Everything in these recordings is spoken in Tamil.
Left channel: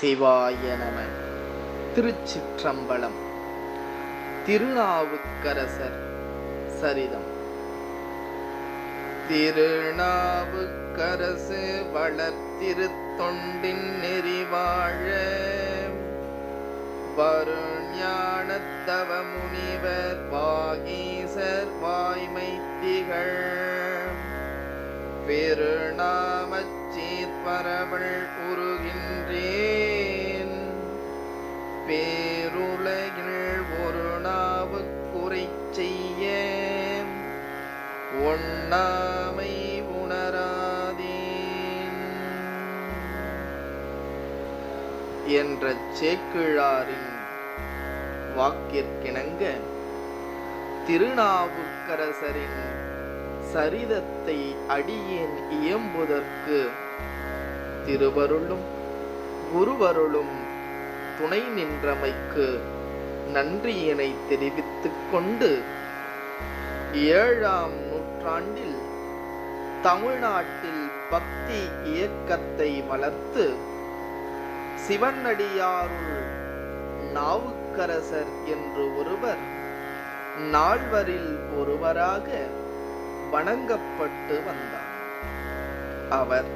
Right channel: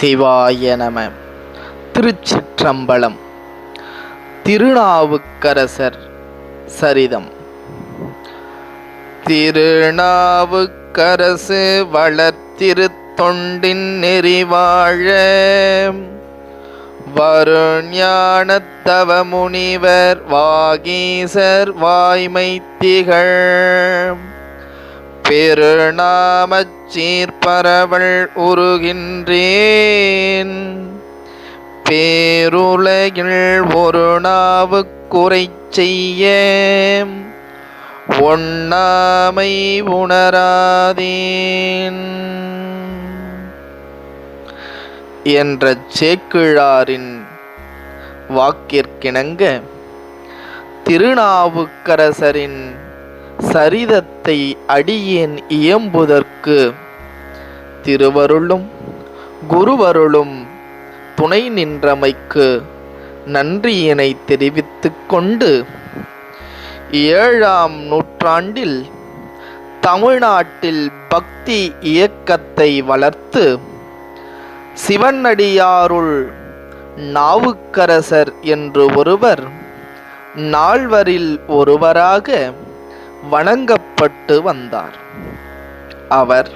சிவாய நம. திருச்சிற்றம்பலம். திருநாவுக்கரசர் சரிதம். திருநாவுக்கரசு வளர்த்திருத்தொண்டின் நெறிவாழ. வருஞானத்தவ முனிவர் வாகீசர் வாய்மை திகழ் பெருநாமச் சீர்பரவல் உருகின்றேன். பேருலகில் ஒரு நாவுக்குறை குறை செய்ய ஒண்ணாமை உணராதேன். என்ற சேக்கிழாரின் வாக்கிற்கிணங்க திருநாவுக்கரசரின் சரிதத்தை அடியேன் இயம்புதற்கு. திருவருளும் குருவருளும் துணை நின்றமைக்கு நன்றியினை தெரிவித்து கொண்டு ஏழாம் நூற்றாண்டில் தமிழ்நாட்டில் பக்தி இயக்கத்தை வளர்த்து சிவனடியாருள் நாவுக்கரசர் என்று ஒருவர் நால்வரில் ஒருவராக வணங்கப்பட்டு வந்தார். அவர்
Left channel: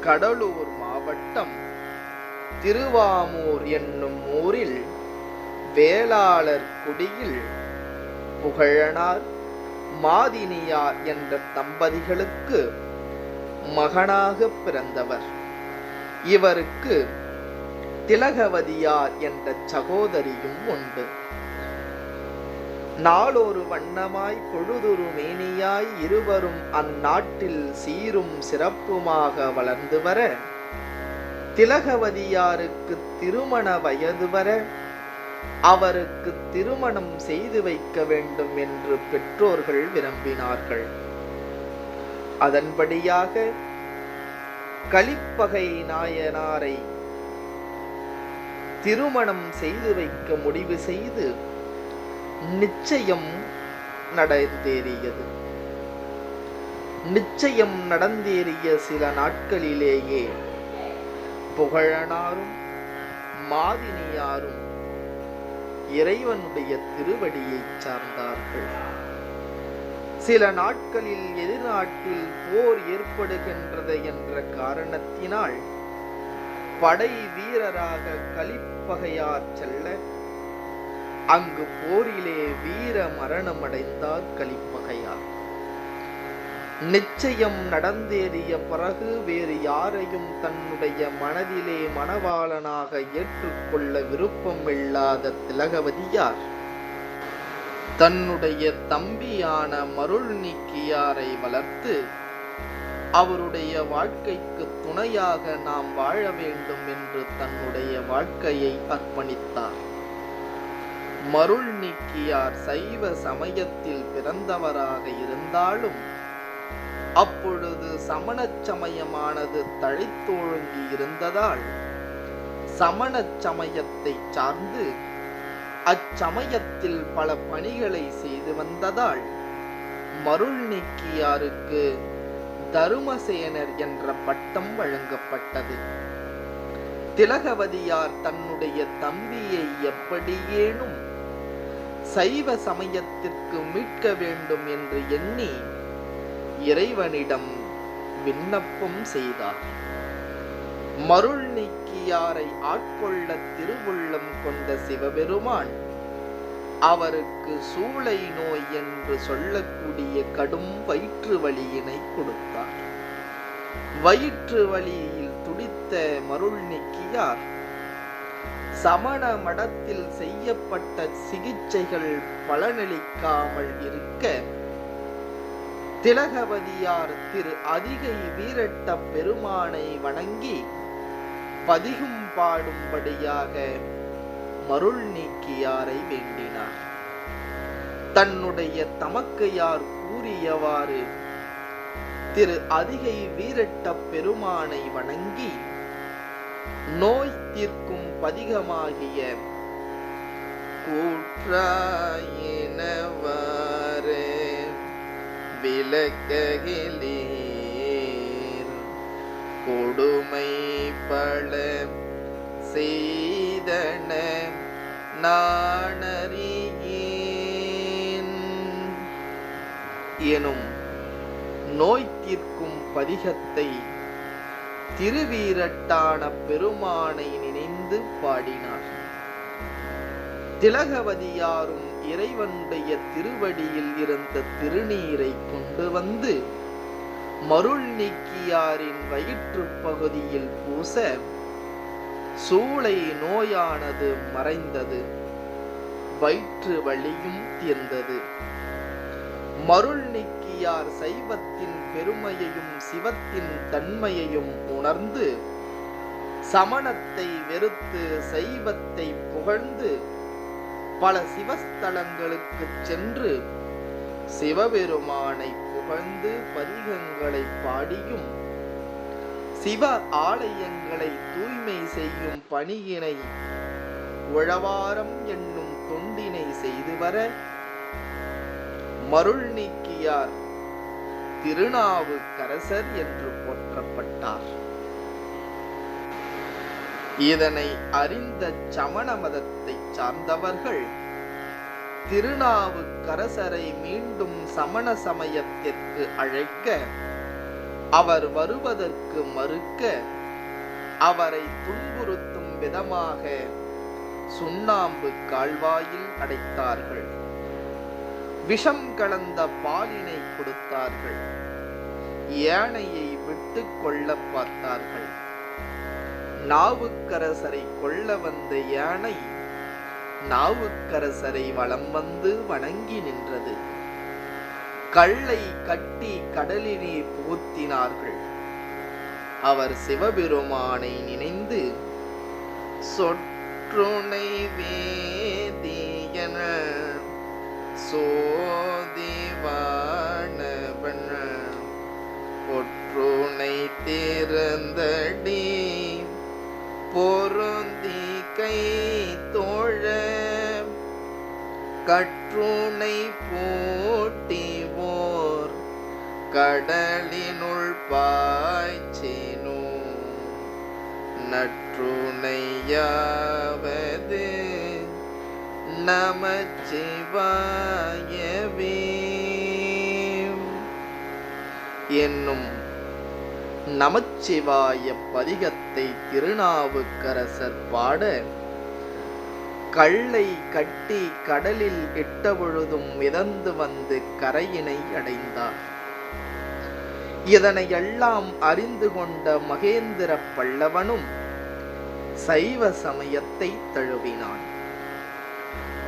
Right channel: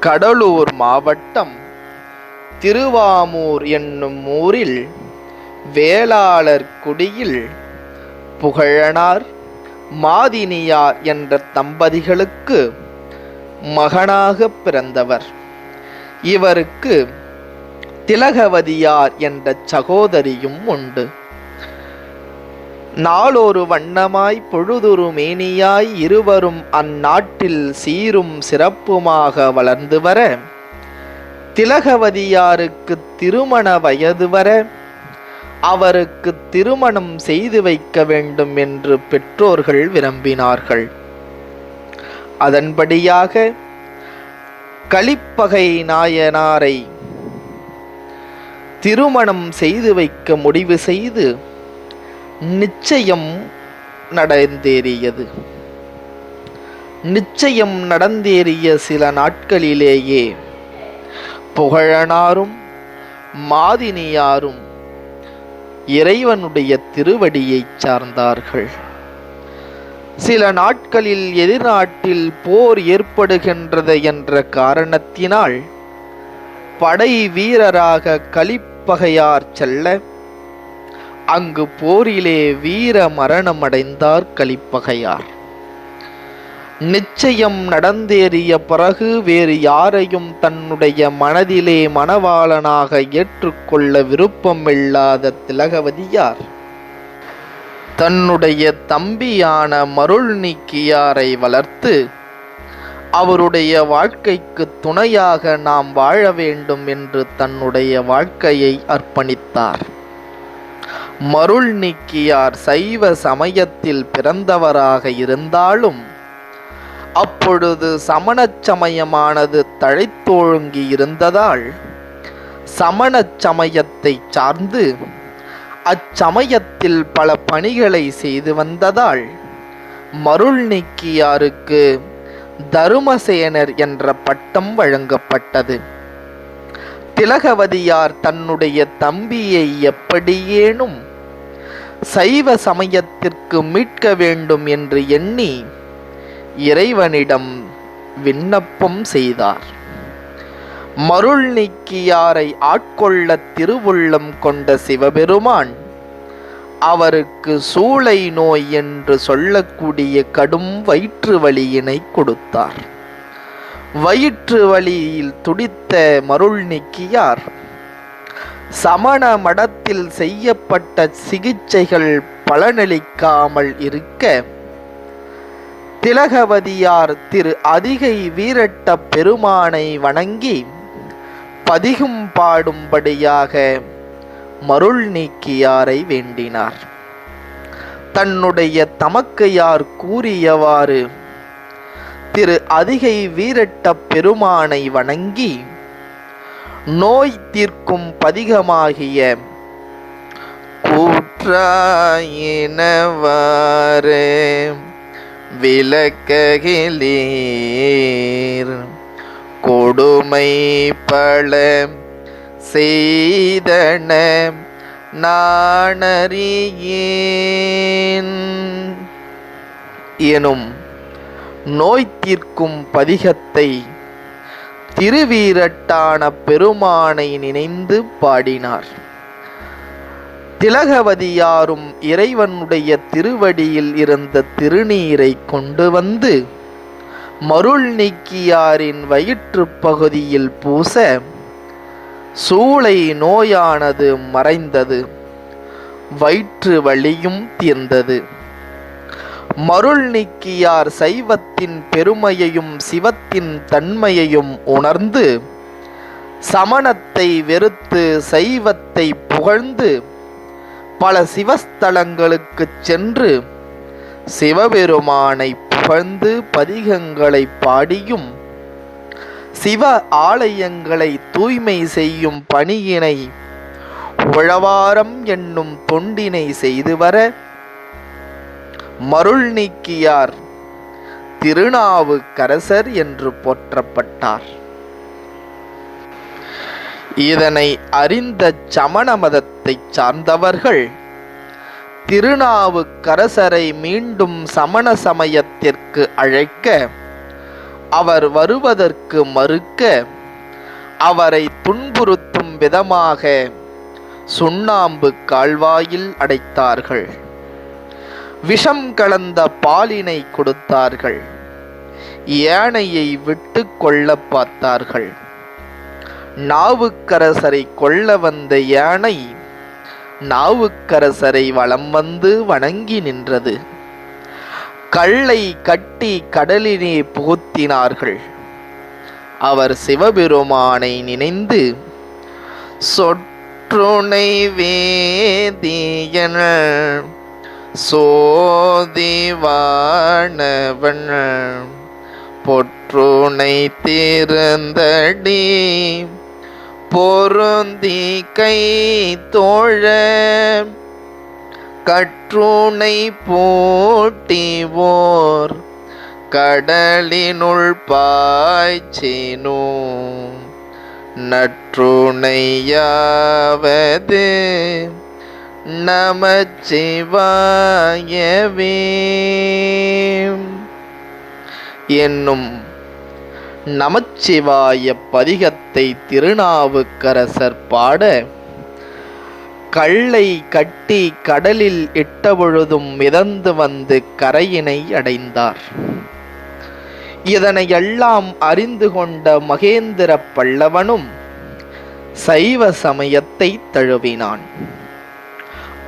கடலூர் மாவட்டம் திருவாமூர் என்னும் ஊரில் வேளாளர் குடியில் புகழனார். மாதினியார் என்ற தம்பதிகளுக்கு மகனாக பிறந்தவர். இவருக்கு திலகவதியார் என்ற சகோதரியும் உண்டு. நாளொரு வண்ணமாய் பொழுதொரு மேனியாய் இருவரும் அந்நாட்டில் சீரும் சிறப்புமாக வளர்ந்து வர திலகவதியாருக்கு திருமண வயது வர அவருக்கு திருமணம் செய்து வைக்க வேண்டும் என்று பெற்றோர்கள் விரும்பினார்கள். அதன்படியாக கலிப்பகை நாயனாரை திருமணம் செய்து வைக்க முடிவு செய்து நிச்சயம் நடந்தேறியது. நிச்சயம் நடந்தேறிய சில நாட்களிலேயே புகழனாரும் மாதினியாரும் இறைவனுடைய திருவடியைச் சார்ந்தார்கள். சில நாட்களில் எதிர்நாட்டில் போர் ஏற்படுகின்றது என்ற காரணத்தினால் படை வீரராக கலிப்பகையார் செல்ல அங்கு போரிலே வீர மரணமடைந்தார் கலிப்பகையார் நிச்சயம் நடந்தேறிய பிறகு வேறு யாரையும் தன்னுடைய மனதிலே மணவாளனாக ஏற்றுக்கொள்ள விருப்பமில்லாத திலகவதியார். தன்னுடைய தம்பியான மருள் நீக்கியாரை வளர்த்து அவருடைய வாழ்க்கைக்கு துணையாக நாம் வாழ வேண்டும் என்று தன்னுடைய வாழ்க்கையை அர்ப்பணித்தார். மருள் நீக்கியார் சைவ சமயத்தில் பிறந்தவராக இருந்தாலும் அப்பொழுது சமணச் சமயமானது தழைத்தோழுங்கி இருந்ததால் சமணச் சமயத்தை சார்ந்து அச்சமயத்தில் பல பணிகளை செய்து வந்ததால் மருள் நீக்கியாருக்கு தருமசேனர் என்ற பட்டம் வழங்கப்பட்டது. திலகவதியார் தன்னுடைய தம்பியை எப்படியேனும் சைவ சமயத்திற்கு மீட்க வேண்டும் என்று எண்ணி இறைவனிடம் விண்ணப்பம் செய்தார். மருள் நீக்கியாரை ஆட்கொள்ள திருவுள்ளம் கொண்ட சிவபெருமான் அவருக்கு சூளை நோய் என்று சொல்லக்கூடிய கடும் வயிற்று வலியினை கொடுத்தார். வயிற்று வலியில் துடித்த மருள் நீக்கியார் சமண மடத்தில் செய்யப்பட்ட சிகிச்சைகள் பலனளிக்காமல் இருக்க திலகவதியார் திரு அதிகை வீரட்ட பெருமானை வணங்கி பதிகும் பாடும்படியாக மருள் நீக்கியாரை வேண்டினார். தன்னுடைய தமக்கையார் கூறியவாறு திரு அதிகை வீரட்ட பெருமானை வணங்கி நோய் தீர்க்கும் பதிகமாகிய கூற்றாயினவாறு விளக்ககிலீர். கொடுமை பல செய்தன நாணறியேன் எனும் நோய் தீர்க்கும் பதிகத்தை திருவீரட்டான பெருமானை நினைந்து பாடினார். திலகவதியாரும் இறைவனுடைய திருவடியில் இருந்த திருநீரை கொண்டு வந்து மருள் நீக்கியாரின் வயிற்றுப் பகுதியில் பூச சூளை நோயானது மறைந்தது. வயிற்று வழியும் தீர்ந்தது. மருள் நீக்கியார் சைவத்தின் பெருமையையும் சிவத்தின் தன்மையையும் உணர்ந்து சமணத்தை வெறுத்து சைவத்தை புகழ்ந்து பல சிவஸ்தலங்களுக்குச் சென்று சிவபெருமானை புகழ்ந்து பதிகங்களை பாடியும் சிவ ஆலயங்களை தூய்மை செய்யும் பணியினை உழவாரம் என்னும் தொண்டினை செய்து வர மருள் நீக்கியார். திருநாவுக்கரசர் என்று போற்றப்பட்டார். இதனை அறிந்த சமண மதத்தைச் சார்ந்தவர்கள் திருநாவுக்கரசரை மீண்டும் சமண சமயத்திற்கு அழைக்க அவர் வருவதற்கு மறுக்க அவரை துன்புறுத்தும் விதமாக சுண்ணாம்பு கால்வாயில் அடைத்தார்கள். விஷம் கலந்த பாலினை கொடுத்தார்கள். யானையை விட்டு கொள்ள பார்த்தார்கள். நாவுக்கரசரை கொள்ள வந்த யானை நாவுக்கரசரை வலம் வந்து வணங்கி நின்றது. கல்லை கட்டி கடலினே புகுத்தினார்கள். அவர் சிவபெருமானை நினைந்து சொற்றுணை வேதியன சோதிவானவன் பொற்றுனை திறந்தடி பொருந்தி கை தோழ கற்றுனை போட்டிவோர் கடலினுள் பாய்ச்சினோ. நற்றுணையாவது நமச்சிவாயவே. என்னும் நமச்சிவாய பதிகத்தை திருநாவுக்கரசர் பாட கல்லை கட்டி கடலில் இட்டபொழுதும் மிதந்து வந்து கரையினை அடைந்தார். இதனையெல்லாம் அறிந்து கொண்ட மகேந்திர பல்லவனும் சைவ சமயத்தை தழுவினான்.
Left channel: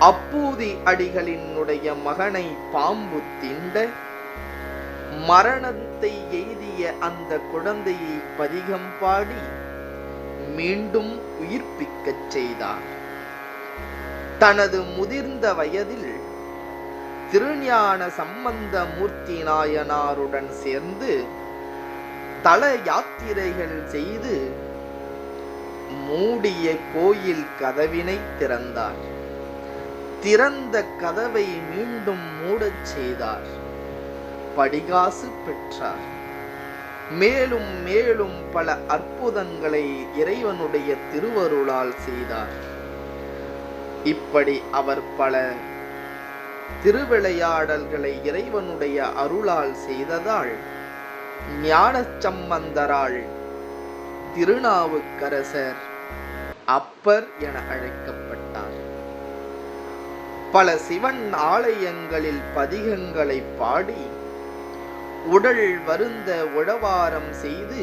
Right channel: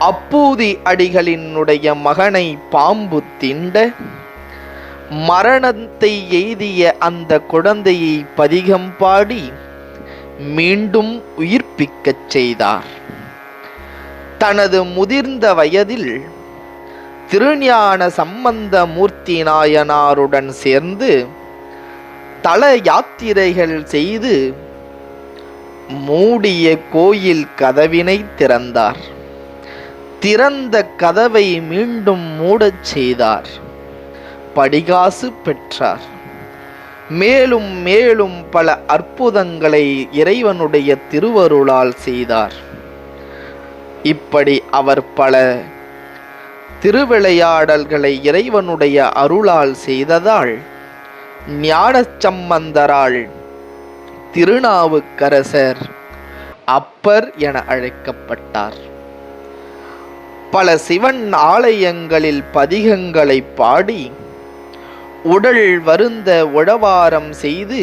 அப்பூதி அடிகளினுடைய மகனை பாம்பு திண்ட மரணத்தை எய்திய அந்த குழந்தையை பதிகம் பாடி மீண்டும் உயிர்ப்பிக்கச் செய்தார். தனது முதிர்ந்த வயதில் திருஞான சம்பந்த மூர்த்தி நாயனாருடன் சேர்ந்து தல யாத்திரைகள் செய்து மூடிய கோயில் கதவினை திறந்தார். திறந்த கதவை மீண்டும் மூடச் செய்தார். படிகாசு பெற்றார். மேலும் மேலும் பல அற்புதங்களை இறைவனுடைய திருவருளால் செய்தார். இப்படி அவர் பல திருவிளையாடல்களை இறைவனுடைய அருளால் செய்ததால் ஞானச்சம்பந்தரால் திருநாவுக்கரசர் அப்பர் என அழைக்கப்பட்டார். பல சிவன் ஆலயங்களில் பதிகங்களை பாடி உடல் வருந்த உழவாரம் செய்து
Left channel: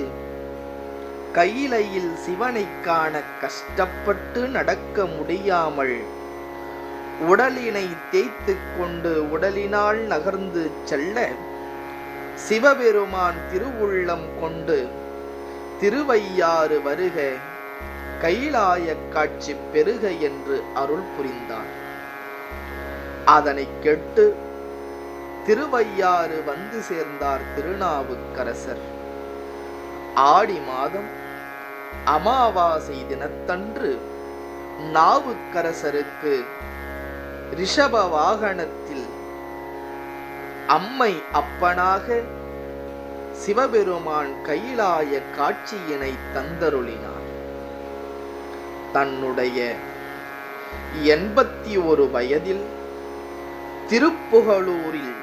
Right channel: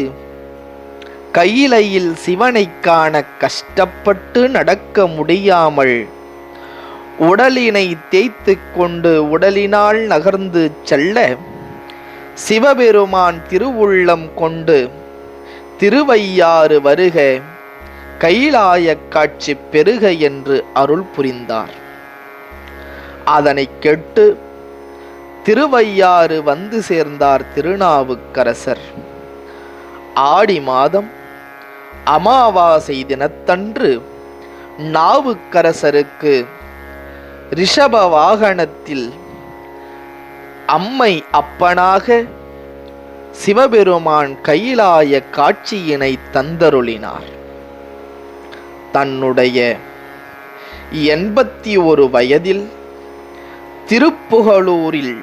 கையிலையில் சிவனை காண கஷ்டப்பட்டு நடக்க முடியாமல் உடலினை தேய்த்து கொண்டு உடலினால் நகர்ந்து செல்ல சிவபெருமான் திருவுள்ளம் கொண்டு திருவையாறு வருக கைலாய காட்சி பெருக என்று அருள் புரிந்தார். அதனை கேட்டு திருவையாறு வந்து சேர்ந்தார் திருநாவுக்கரசர். ஆடி மாதம் அமாவாசை தினத்தன்று நாவுக்கரசருக்கு ரிஷப வாகனத்தில் அம்மை அப்பனாக சிவபெருமான் கையிலாய காட்சியினை தந்தருளினார். தன்னுடைய எண்பத்தி ஒரு வயதில் திருப்புகழூரில்.